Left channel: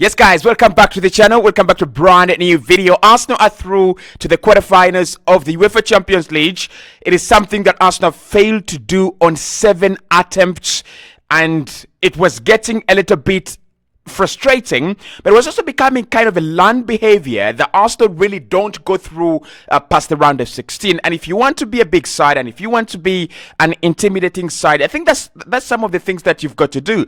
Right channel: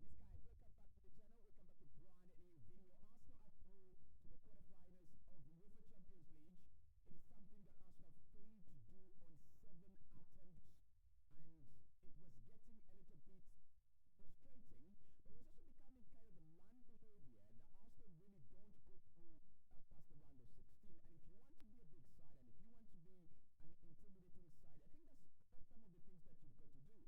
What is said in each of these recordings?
Yes, guys, welcome back to the channel. Welcome back to a brand new video. Arsenal are through to the quarterfinals of the UEFA Champions League. It is something that Arsenal failed to do on 7 attempts, and it was getting a little bit frustrating, but it was also becoming kind of a learned behavior that Arsenal really don't go through past the round of 16. And if you want to be a big side, and if you want to be an intimidating side, I think that's some of the things that you've got to do.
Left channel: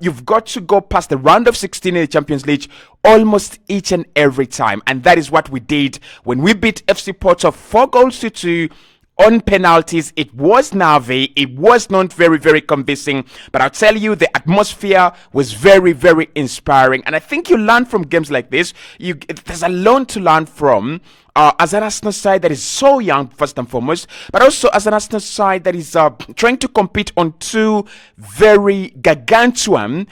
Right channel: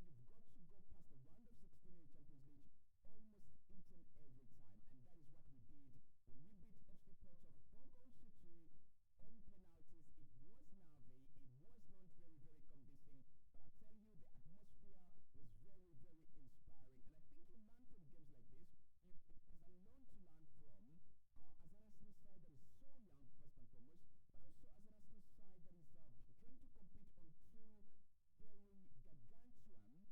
You've got to go past the round of 16 in the Champions League almost each and every time, and that is what we did when we beat FC Porto 4-2 on penalties. It was Navi. It was not very, very convincing, but I'll tell you, the atmosphere was very, very inspiring. And I think you learn from games like this. There's a lot to learn from as an Arsenal side that is so young, first and foremost, but also as an Arsenal side that is trying to compete on two very gargantuan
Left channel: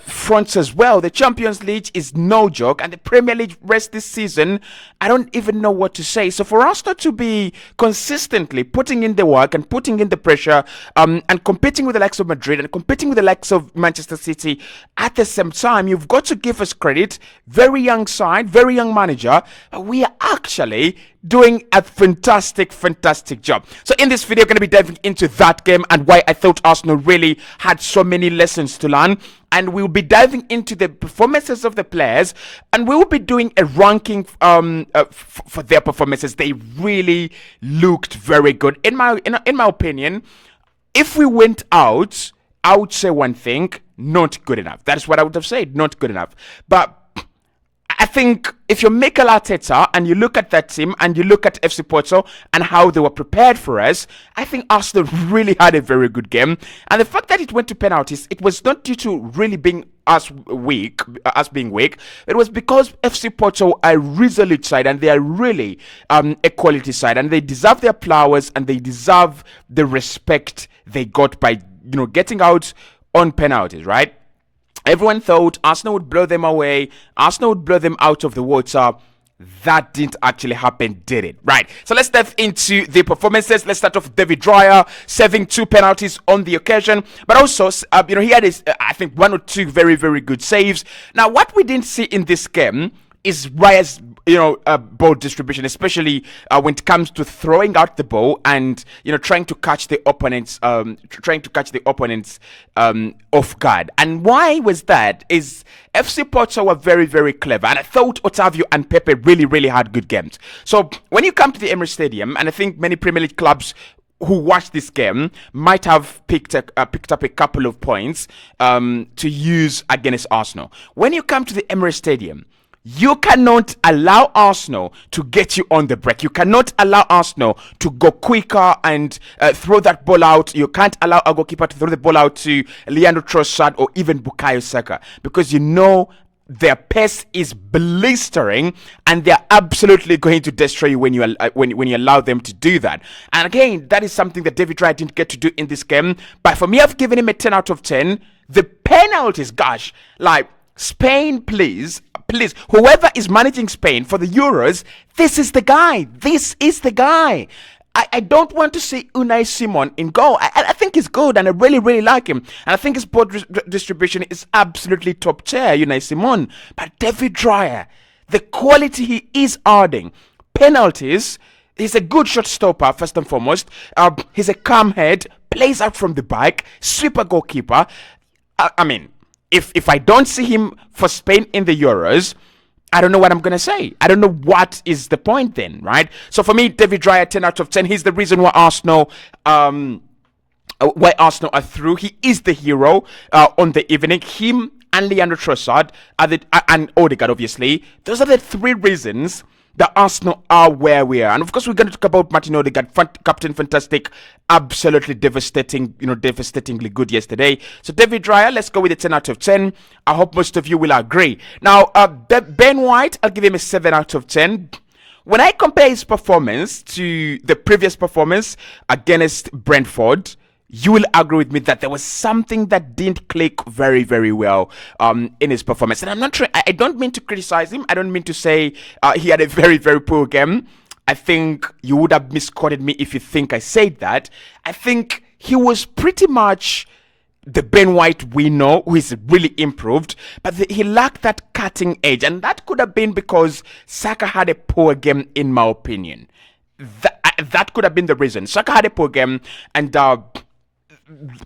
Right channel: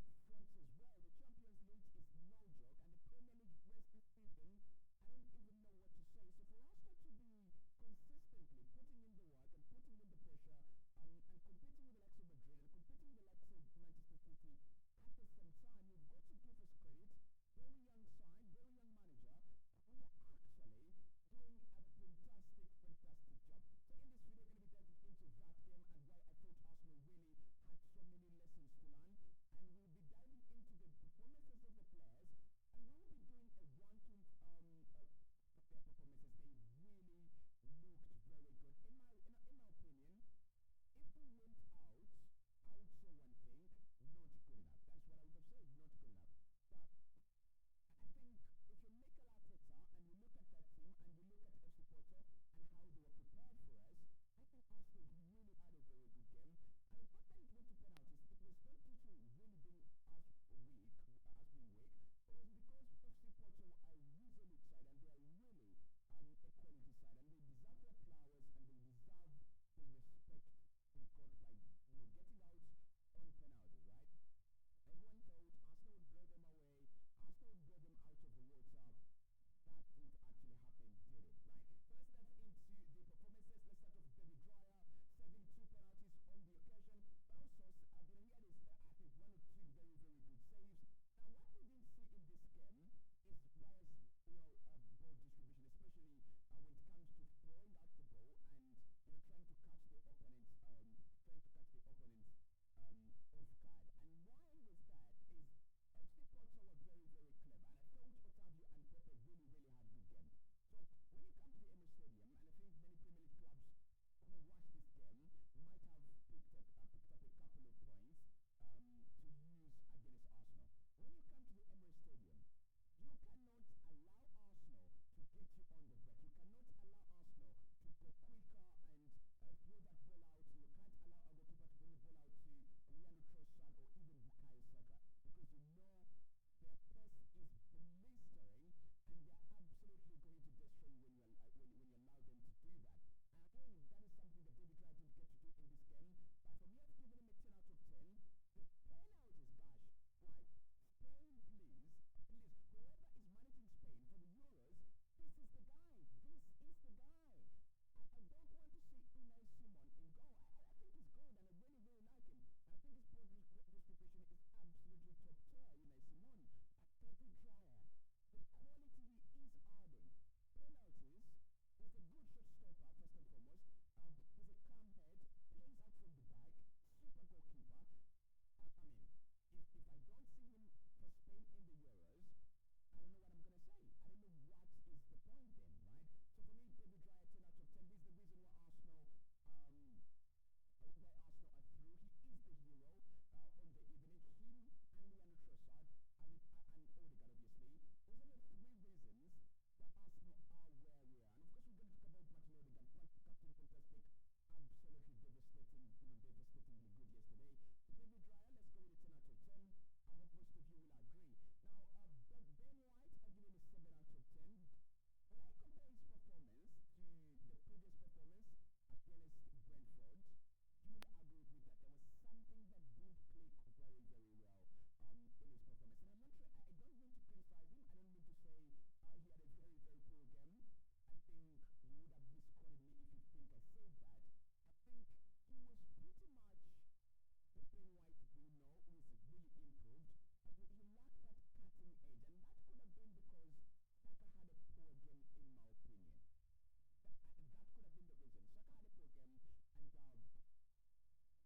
fronts as well. The Champions League is no joke, and the Premier League rest this season, I don't even know what to say. So for us not to be consistently putting in the work and putting in the pressure and competing with the likes of Madrid and competing with the likes of Manchester City at the same time, you've got to give us credit. Very young side, very young manager. We are actually doing a fantastic job. So in this video, I'm going to be diving into that game and why I thought Arsenal really had so many lessons to learn. And we'll be diving into the performances of the players, and we will be doing a ranking for their performances. They really looked very good. In my opinion, if we went out, I would say one thing: not good enough. That is what I would have said, not good enough. But I think if you're Mikel Arteta and you look at that team and you look at FC Porto and how they were prepared for us, I think Arsenal really had a very good game. And the fact that it went to penalties, it was not due to really being being weak. It was because FC Porto are a resolute side, and they are really a quality side, and they deserve their flowers and they deserve the respect they got by getting out on penalties, right? Everyone thought Arsenal would blow them away. Arsenal would blow them out of the water. That didn't actually happen, did it? Right. So let's dive into the performances. Let's start off with David Raya, serving 2 penalties on the occasion. But also, he had his, I think, 1 or 2 very, very good saves. Now, what we didn't see in this game is Raya's ball distribution, especially when it comes to throwing out the ball and trying to catch the opponents off guard. And why was that? Is FC Porto were very, very clever, and I thought Otavio and Pepe really had good games. So when you come to the Emirates Stadium, and I think many Premier League clubs who watched this game might have picked up a couple of points to use against Arsenal. When you come to the Emirates Stadium, you cannot allow Arsenal to get you on the break. You cannot allow Arsenal to go quicker and throw that ball out. You can't allow a goalkeeper to throw the ball out to Leandro Trossard or even Bukayo Saka, because their pace is blistering, and they're absolutely going to destroy you when you allow them to do that. And again, that is something that David Raya didn't get to do in this game. But for me, I've given him a 10 out of 10. The penalties, gosh, like Spain, please, whoever is managing Spain for the Euros, this is the guy. This is the guy. I don't want to see Unai Simon in goal. I think he's good, and I really like him. And I think his ball distribution is absolutely top tier, Unai Simon. But David Raya, the quality he is adding, penalties, he's a good shot stopper, first and foremost. He's a calm head, plays out from the back, sweeper goalkeeper. I mean, if I don't see him for Spain in the Euros, I don't know what I'm going to say. I don't know what is the point then, right? So for me, David Raya, 10 out of 10. He's the reason why Arsenal are through. He is the hero on the evening. Him and Leandro Trossard and Odegaard, obviously. Those are the 3 reasons that Arsenal are where we are. And of course, we're going to talk about Martin Odegaard, Captain Fantastic, absolutely devastatingly good yesterday. So David Raya, let's go with a 10 out of 10. I hope most of you will agree. Now, Ben White, I'll give him a 7 out of 10. When I compare his performance to the previous performance against Brentford, you will agree with me that there was something that didn't click very, very well in his performance. And I'm not sure, I don't mean to criticize him. I don't mean to say he had a very, very poor game. I think you would have misquoted me if you think I said that. I think he was pretty much the Ben White we know, who is really improved, but he lacked that cutting edge, and that could have been because Saka had a poor game, in my opinion. That could have been the reason. Saka had a poor game, and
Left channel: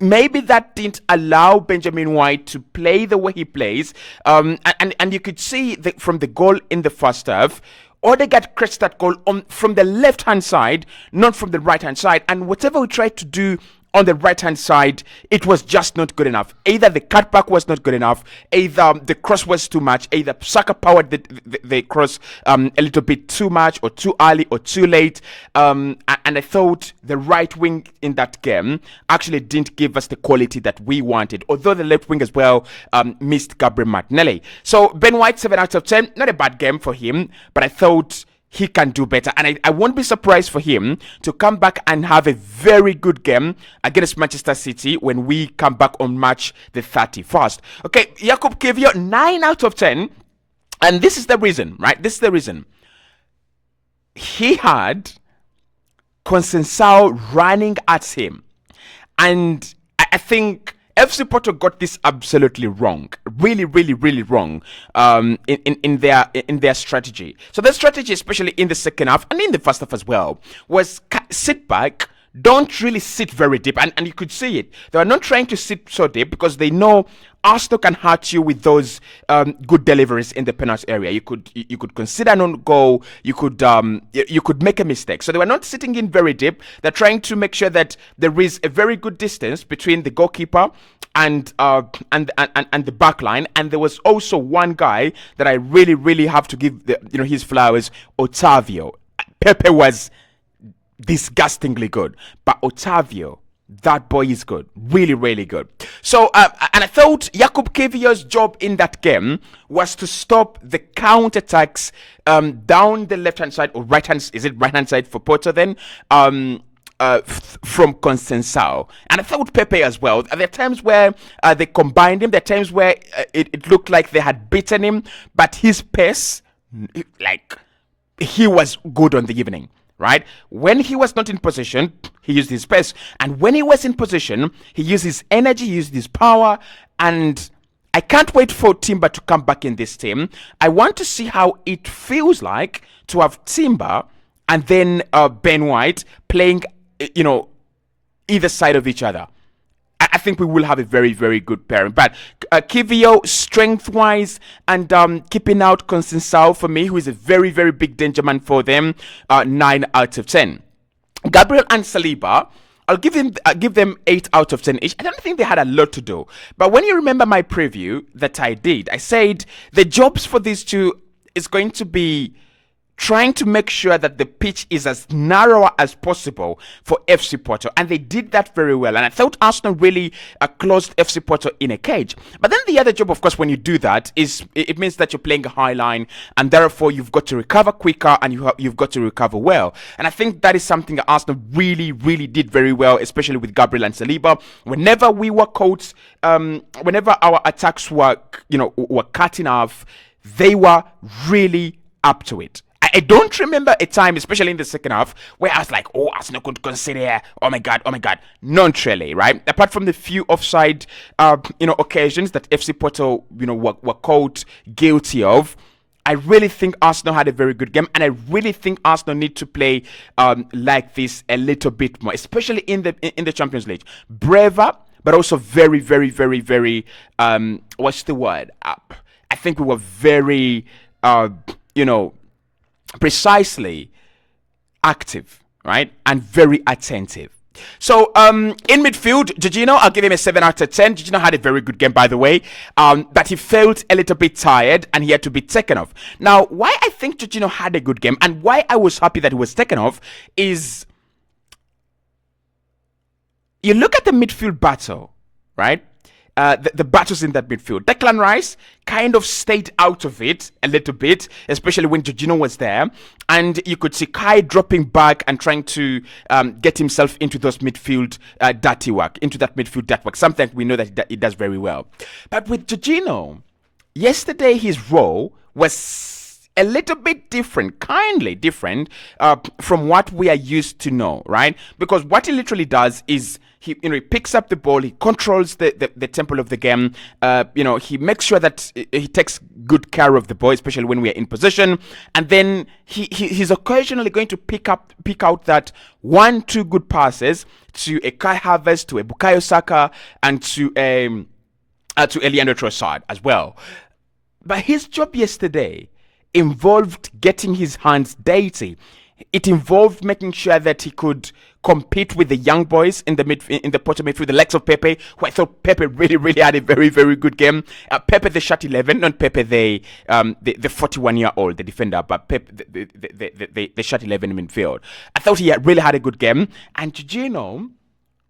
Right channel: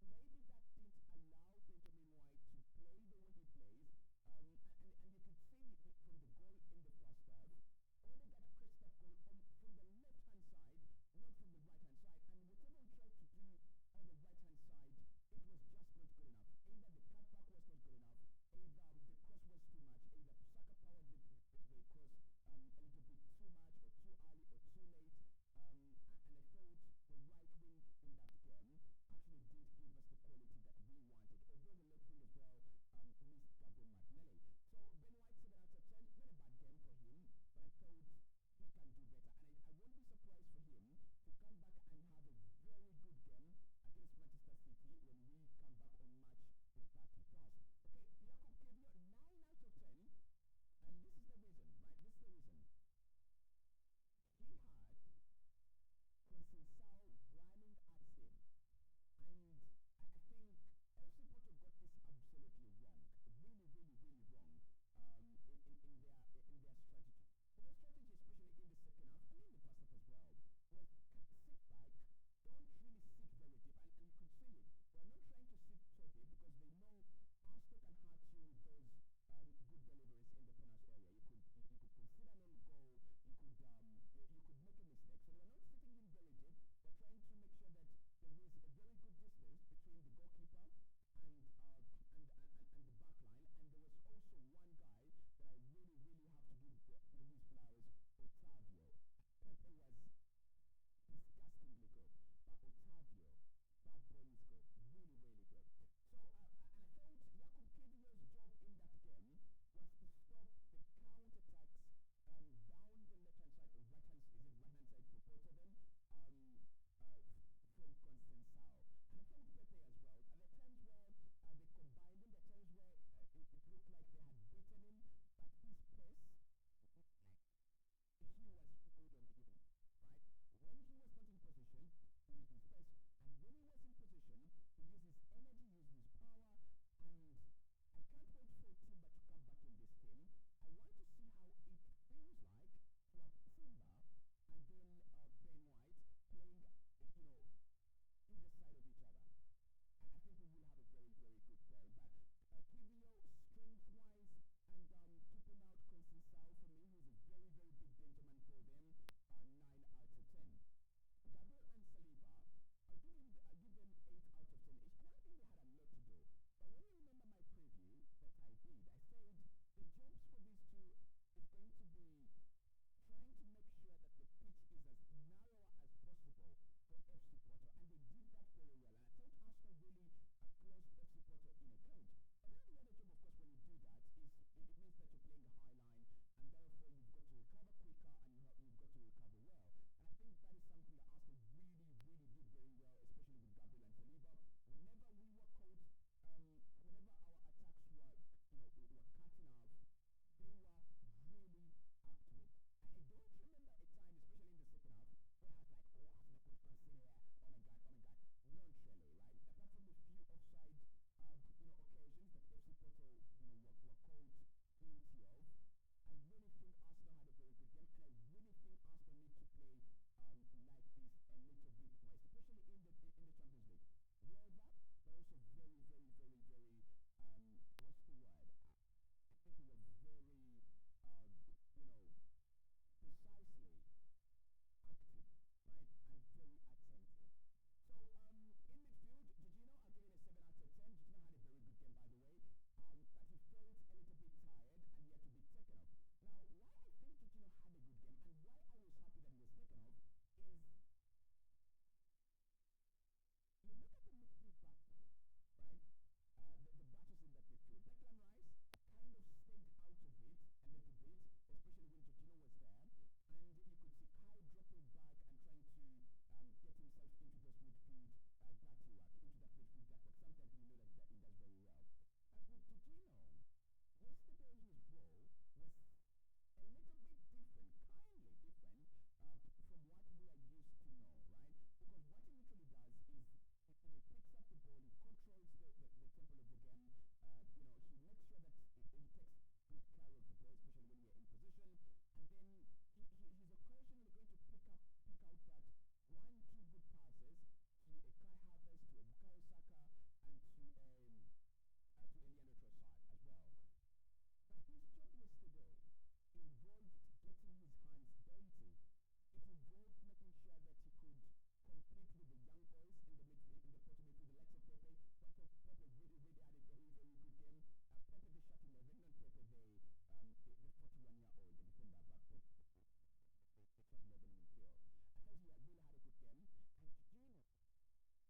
maybe that didn't allow Benjamin White to play the way he plays. And you could see from the goal in the first half, Odegaard creates that goal from the left-hand side, not from the right-hand side. And whatever we tried to do on the right-hand side, it was just not good enough. Either the cutback was not good enough, either the cross was too much, either Saka powered the cross a little bit too much, or too early, or too late. And I thought the right wing in that game actually didn't give us the quality that we wanted, although the left wing as well missed Gabriel Martinelli. So Ben White, 7 out of 10, not a bad game for him, but I thought he can do better, and I won't be surprised for him to come back and have a very good game against Manchester City when we come back on March the 31st. Okay, Jakub Kiwior, 9 out of 10, and this is the reason, right? This is the reason. He had Conceição running at him, and I think FC Porto got this absolutely wrong, really, really, really wrong in their strategy. So their strategy, especially in the second half and in the first half as well, was sit back, don't really sit very deep, and you could see it. They were not trying to sit so deep because they know Arsenal can hurt you with those good deliveries in the penalty area. You could consider an own goal. You could make a mistake. So they were not sitting in very deep. They're trying to make sure that there is a very good distance between the goalkeeper and the back line. And there was also one guy that I really, really have to give his flowers, Otavio. Pepe was disgustingly good, but Otavio, that boy is good, really, really good. So, and I thought Jakub Kiwior's job in that game was to stop the counter-attacks down the left-hand side, or right-hand, is it right-hand side for Porto then? From Conceição. And I thought Pepe as well. There are times where they combined him, there are times where it looked like they had beaten him, but his pace, he was good on the evening. Right? When he was not in position, he used his pace. And when he was in position, he used his energy, he used his power. And I can't wait for Timber to come back in this team. I want to see how it feels like to have Timber and then Ben White playing, either side of each other. I think we will have a very, very good pairing. But Kiwior, strength-wise, and keeping out Conceição for me, who is a very, very big danger man for them, 9 out of 10. Gabriel and Saliba, I'll give them 8 out of 10 each. I don't think they had a lot to do. But when you remember my preview that I did, I said the jobs for these two is going to be trying to make sure that the pitch is as narrow as possible for FC Porto. And they did that very well. And I thought Arsenal really closed FC Porto in a cage. But then the other job, of course, when you do that, is it means that you're playing a high line, and therefore you've got to recover quicker, and you've got to recover well. And I think that is something that Arsenal really, really did very well, especially with Gabriel and Saliba. Whenever we were caught, whenever our attacks were cutting off, they were really up to it. I don't remember a time, especially in the second half, where I was like, oh, Arsenal could consider, oh my God. Not really, right? Apart from the few offside, occasions that FC Porto, were caught guilty of, I really think Arsenal had a very good game, and I really think Arsenal need to play like this a little bit more, especially in the Champions League. Braver, but also very, very, very, very, what's the word? I think we were very, precisely active, right? And very attentive. So, in midfield, Jorginho, I'll give him a 7 out of 10. Jorginho had a very good game, by the way, but he felt a little bit tired and he had to be taken off. Now, why I think Jorginho had a good game and why I was happy that he was taken off is you look at the midfield battle, right? The battles in that midfield. Declan Rice kind of stayed out of it a little bit, especially when Jorginho was there. And you could see Kai dropping back and trying to get himself into those midfield dirty work, something we know that he does very well. But with Jorginho, yesterday his role was a little bit different, kindly different from what we are used to know, right? Because what he literally does is he picks up the ball, he controls the tempo of the game. He makes sure that he takes good care of the ball, especially when we are in position. And then he's occasionally going to pick out that 1-2 good passes to a Kai Havertz, to a Bukayo Saka, and to Leandro Trossard as well. But his job yesterday involved getting his hands dirty. It involved making sure that he could compete with the young boys in the Porto midfield, the likes of Pepe, who I thought Pepe really had a very, very good game. Pepe the shot 11, not Pepe the 41-year-old, the defender, but Pepe the shot 11 in midfield. I thought he really had a good game. And Jorginho,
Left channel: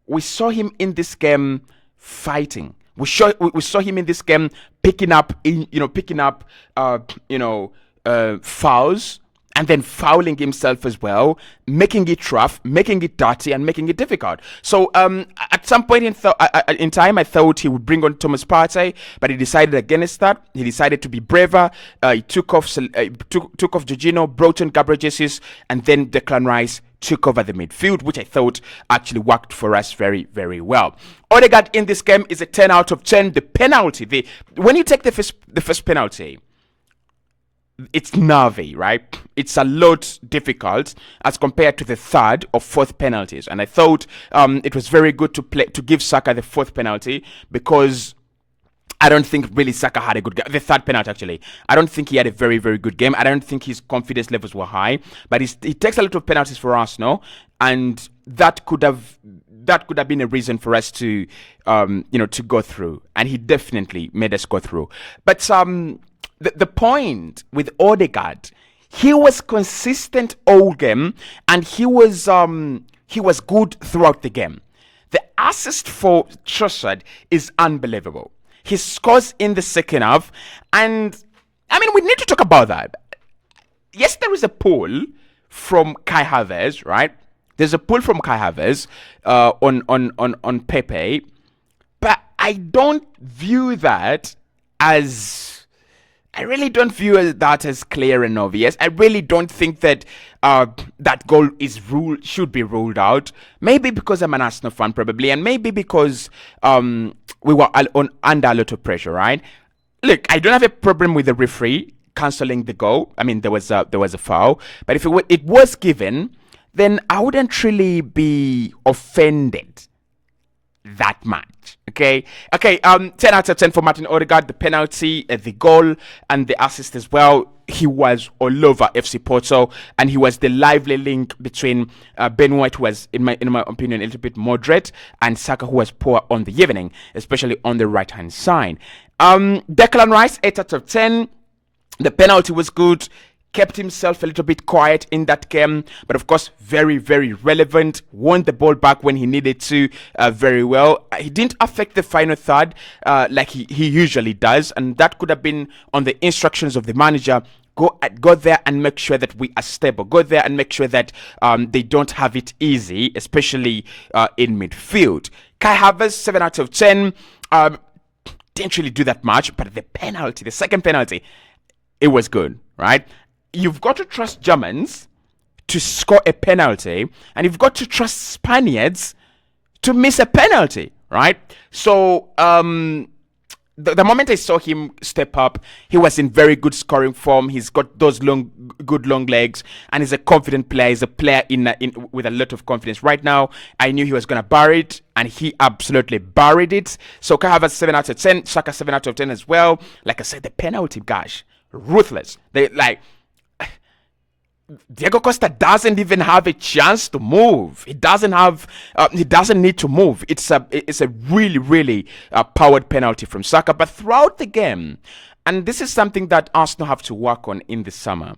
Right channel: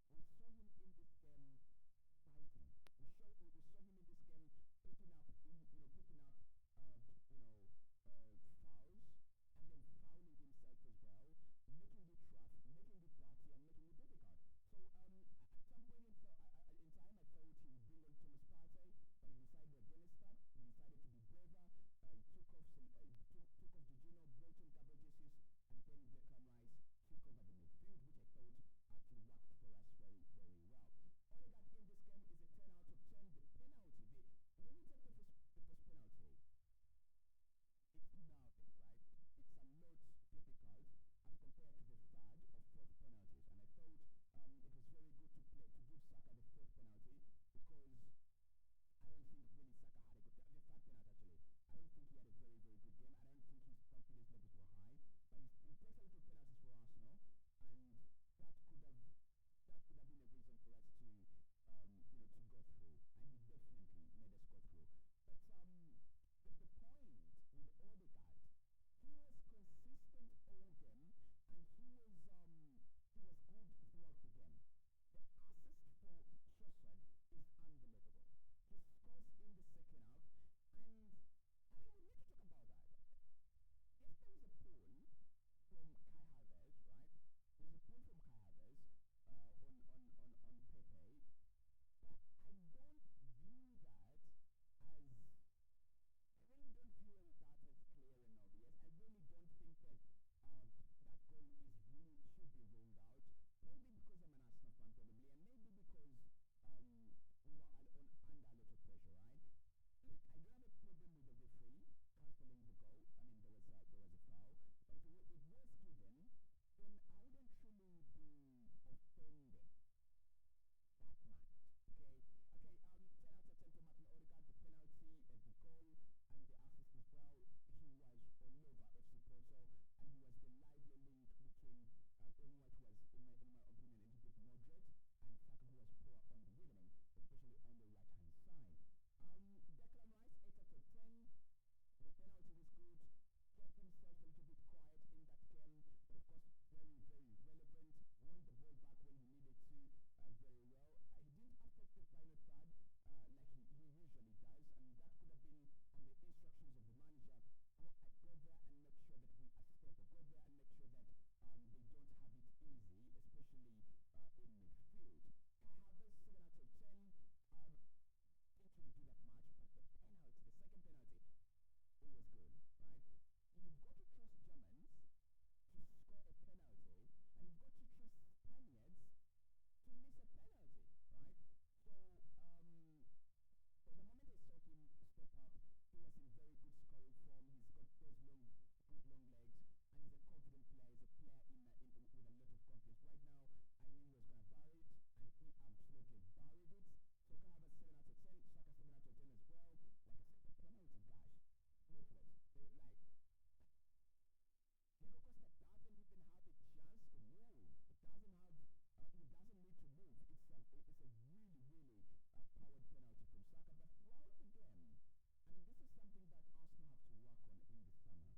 we saw him in this game fighting. We saw him in this game picking up fouls, and then fouling himself as well, making it rough, making it dirty, and making it difficult. So at some point in time, I thought he would bring on Thomas Partey, but he decided against that. He decided to be braver. He took off Jorginho, brought in Gabriel Jesus, and then Declan Rice took over the midfield, which I thought actually worked for us very, very well. Odegaard in this game is a 10 out of 10. The penalty, when you take the first penalty, it's nervy, right? It's a lot difficult as compared to the third or fourth penalties. And I thought it was very good to give Saka the fourth penalty, because I don't think really Saka had a good game. The third penalty, actually. I don't think he had a very, very good game. I don't think his confidence levels were high. But he takes a lot of penalties for Arsenal, and that could have been a reason for us to go through. And he definitely made us go through. But the point with Odegaard, he was consistent all game, and he was good throughout the game. The assist for Trossard is unbelievable. He scores in the second half, and I mean, we need to talk about that. Yes, there is a pull from Kai Havertz, right? There's a pull from Kai Havertz on Pepe, but I don't view that as. I really don't view that as clear and obvious. I really don't think that that goal should be ruled out. Maybe because I'm an Arsenal fan, probably, and maybe because we were under a lot of pressure, right? Look, I don't have a problem with the referee cancelling the goal. I mean, there was a foul, but if it was given, then I wouldn't really be offended that much. Okay. 10 out of 10 for Martin Odegaard. The penalty, the goal, and the assist as well. He was all over FC Porto, and he was the lively link between Ben White, who was, in my opinion, a little bit moderate, and Saka, who was poor on the evening, especially on the right-hand side. Declan Rice, 8 out of 10. The penalty was good. Kept himself a little bit quiet in that game, but of course very, very relevant. Won the ball back when he needed to very well. He didn't affect the final third like he usually does, and that could have been on the instructions of the manager. Go there and make sure that we are stable. Go there and make sure that they don't have it easy, especially in midfield. Kai Havertz, 7 out of 10. Didn't really do that much, but the second penalty, it was good, right? You've got to trust Germans to score a penalty, and you've got to trust Spaniards to miss a penalty, right? So the moment I saw him step up, he was in very good scoring form. He's got those good long legs, and he's a confident player. He's a player with a lot of confidence. Right now, I knew he was going to bury it, and he absolutely buried it. So Kai Havertz 7 out of 10, Saka 7 out of 10 as well. Like I said, the penalty, gosh, ruthless. Diego Costa doesn't even have a chance to move. He doesn't need to move. It's a really, really powered penalty from Saka. But throughout the game, and this is something that Arsenal have to work on in the summer.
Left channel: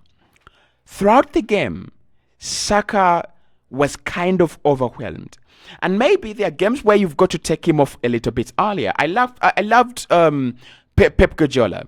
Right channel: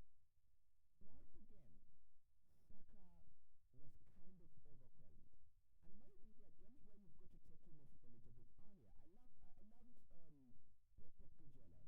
Throughout the game, Saka was kind of overwhelmed. And maybe there are games where you've got to take him off a little bit earlier. I loved Pep Guardiola.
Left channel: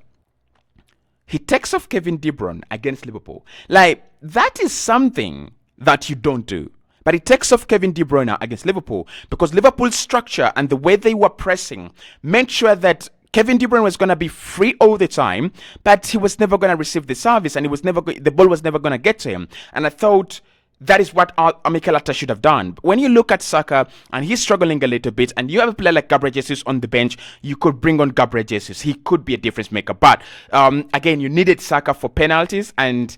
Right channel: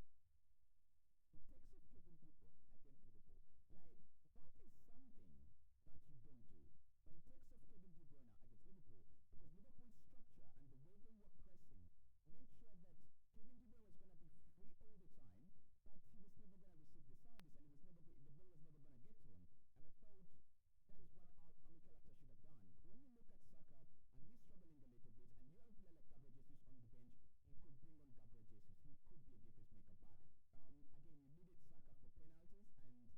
He takes off Kevin De Bruyne against Liverpool. Like, that is something that you don't do. But he takes off Kevin De Bruyne against Liverpool because Liverpool's structure and the way they were pressing made sure that Kevin De Bruyne was going to be free all the time, but he was never going to receive the service, and the ball was never going to get to him. And I thought that is what Mikel Arteta should have done. When you look at Saka and he's struggling a little bit, and you have a player like Gabriel Jesus on the bench, you could bring on Gabriel Jesus. He could be a difference maker. But again, you needed Saka for penalties, and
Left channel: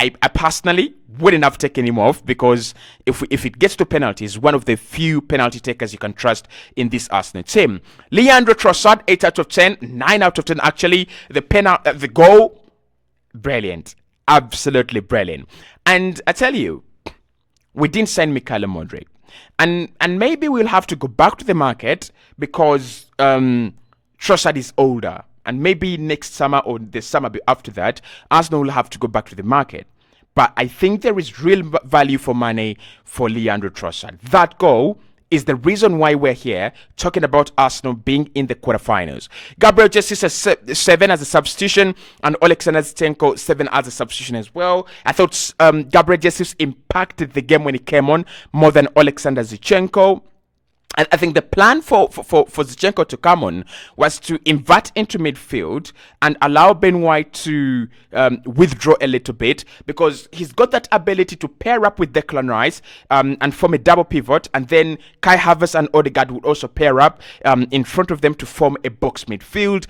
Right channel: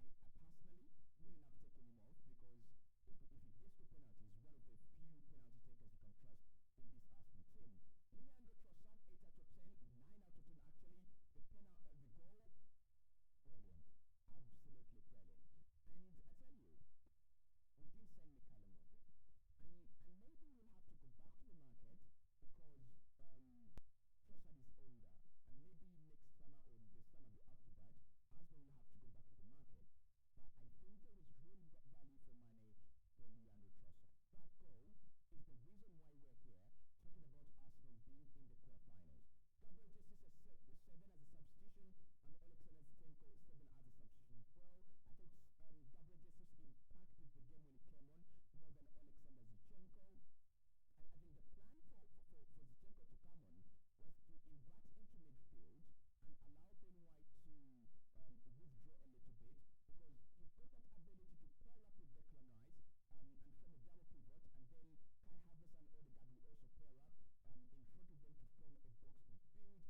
I personally wouldn't have taken him off, because if it gets to penalties, one of the few penalty takers you can trust in this Arsenal team. Leandro Trossard, 8 out of 10, 9 out of 10 actually. The goal, brilliant, absolutely brilliant. And I tell you, we didn't sign Mikhail Modric, and maybe we'll have to go back to the market, because Trossard is older. And maybe next summer or the summer after that, Arsenal will have to go back to the market. But I think there is real value for money for Leandro Trossard. That goal is the reason why we're here talking about Arsenal being in the quarterfinals. Gabriel Jesus is 7 as a substitution, and Alexander Zinchenko 7 as a substitution as well. I thought Gabriel Jesus impacted the game when he came on more than Alexander Zinchenko. And I think the plan for Zinchenko to come on was to invert into midfield and allow Ben White to withdraw a little bit, because he's got that ability to pair up with Declan Rice and form a double pivot, and then Kai Havertz and Odegaard would also pair up in front of them to form a box midfield.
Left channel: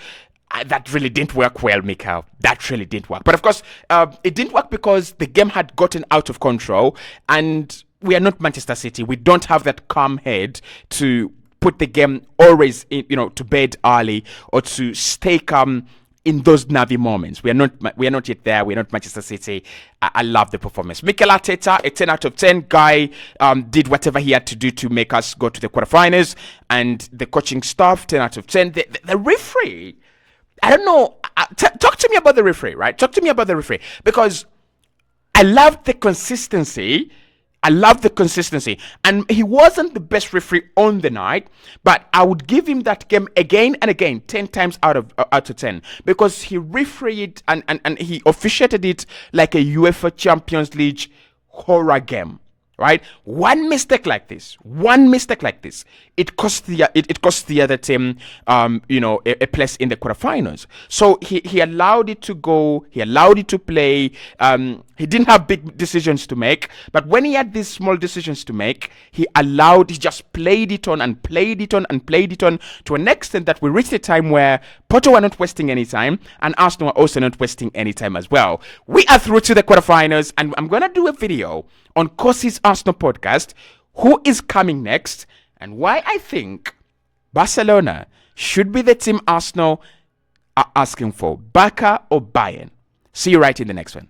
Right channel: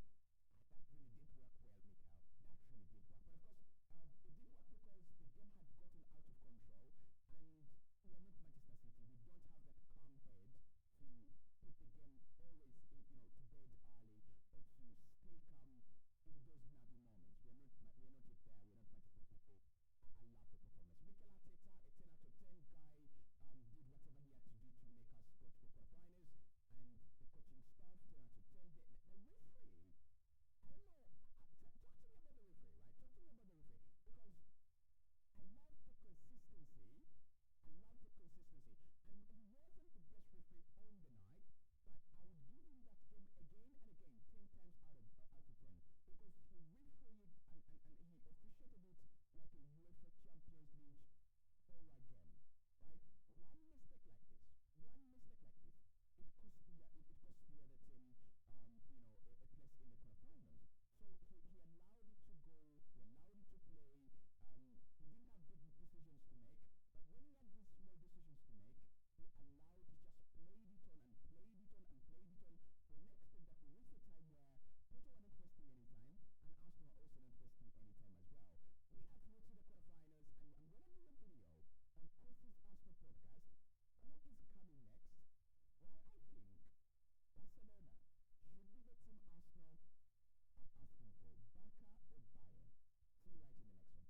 That really didn't work well, Mikhail. That really didn't work. But of course, it didn't work because the game had gotten out of control, and we are not Manchester City. We don't have that calm head to put the game always to bed early, or to stay calm in those nervy moments. We are not yet there. We're not Manchester City. I love the performance. Mikel Arteta, a 10 out of 10 guy, did whatever he had to do to make us go to the quarterfinals, and the coaching staff, 10 out of 10. The referee, I don't know. Talk to me about the referee, right? Talk to me about the referee, because I loved the consistency. And he wasn't the best referee on the night, but I would give him that game again and again, 10 times out of 10, because he refereed and he officiated it like a UEFA Champions League horror game. Right, one mistake like this, it cost the other team, a place in the quarterfinals. So he allowed it to go, he allowed it to play. He didn't have big decisions to make, but when he had these small decisions to make, he just played it on and played it on and played it on, to an extent that we reached a time where Porto were not wasting any time, and Arsenal were also not wasting any time as well. We are through to the quarterfinals, and I'm gonna do a video on Cossy's Arsenal podcast, who is coming next, and why I think Barcelona should be the team Arsenal are asking for, Barca or Bayern. See you right in the next one.